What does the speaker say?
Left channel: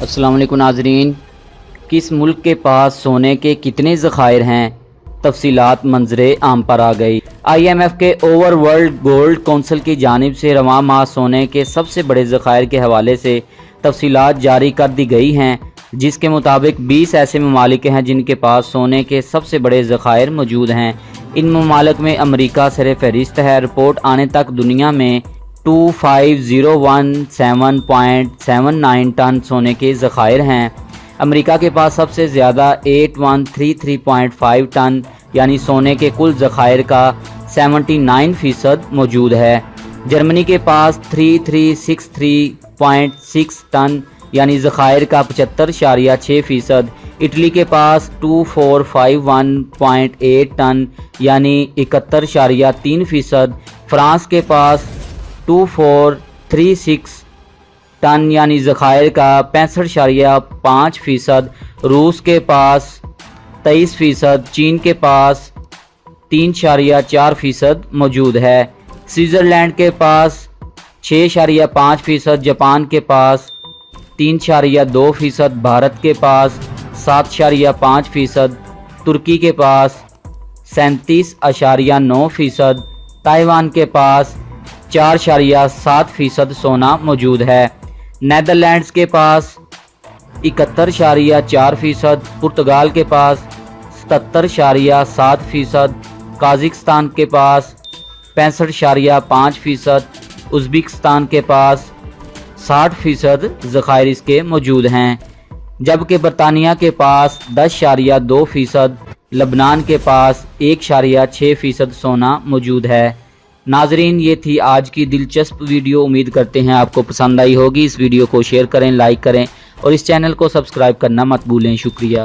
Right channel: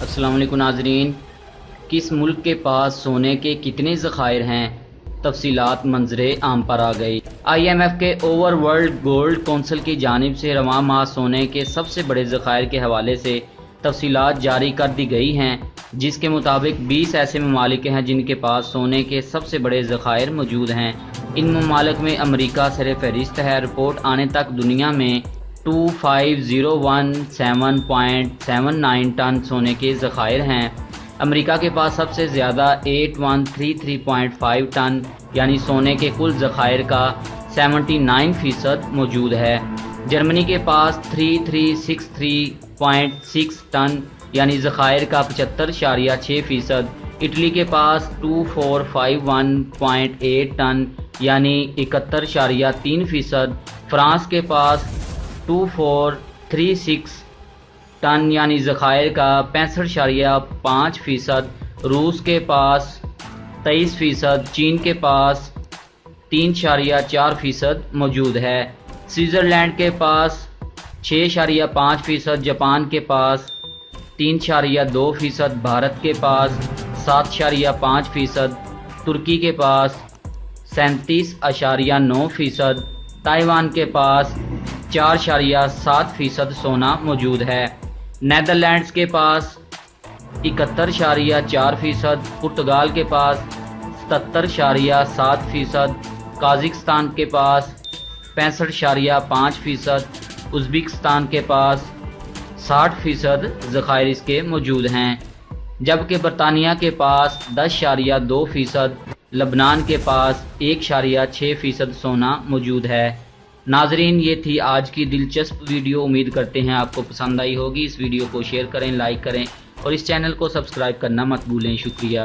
السلام علیکم ناظرین، کس ملک کے پاس سونے کے کتنے ذخائر ہیں؟ تفصیلات منظر عام پر آ گئی۔ IMF کے اوور ورلڈ گولڈ کونسل کی جانب سے رواں ماہ سونے کے سب سے بڑے ذخائر کے حوالے سے تفصیلات جاری کر دی گئی ہیں، جس کے مطابق 20 ایسے ممالک ہیں جن کے پاس سونے کے سب سے بڑے ذخائر موجود ہیں۔ ان ممالک میں امریکہ سر فہرست ہے۔ رپورٹ آنے تک دنیا میں 25,017.79 ٹن سونے کے ذخائر ہیں۔ امریکہ کے پاس سب سے زیادہ 8133.5 ٹن یعنی سونے کے کل ذخائر کا 79% موجود ہے۔ جرمنی کے پاس 3363.6 ٹن یعنی ذخائر کا 75.6%، اٹلی کے پاس 2451.8 ٹن یعنی 71.3%، فرانس کے پاس 2436 ٹن یعنی ذخائر کا 65.5%، روس کے پاس 23%، چین کے پاس 3.4% موجود ہے۔ سوئٹزرلینڈ کے پاس 6.5%، جاپان کے پاس 3.2%، بھارت کے پاس 7.5%، ترکی کے پاس 37.9%، تائیوان کے پاس 4.7% سونا موجود ہے۔ نیدرلینڈز کے پاس 71.4%، پرتگال کے پاس 77.7%، قازقستان کے پاس 65.5%، ازبکستان کے پاس 60% ذخائر اس کے موجود ہیں، جبکہ برطانیہ کے پاس 10.2%، لبنان کے پاس 1.6% سونا موجود ہے۔ ناظرین، یہ تھی آج کی دلچسپ ویڈیو، امید کرتے ہیں آپ کو پسند آئی ہوگی۔ اس ویڈیو کو شیئر کریں، لائک کریں اور اس چینل کو سبسکرائب کرنا مت بھولیں۔ شکریہ۔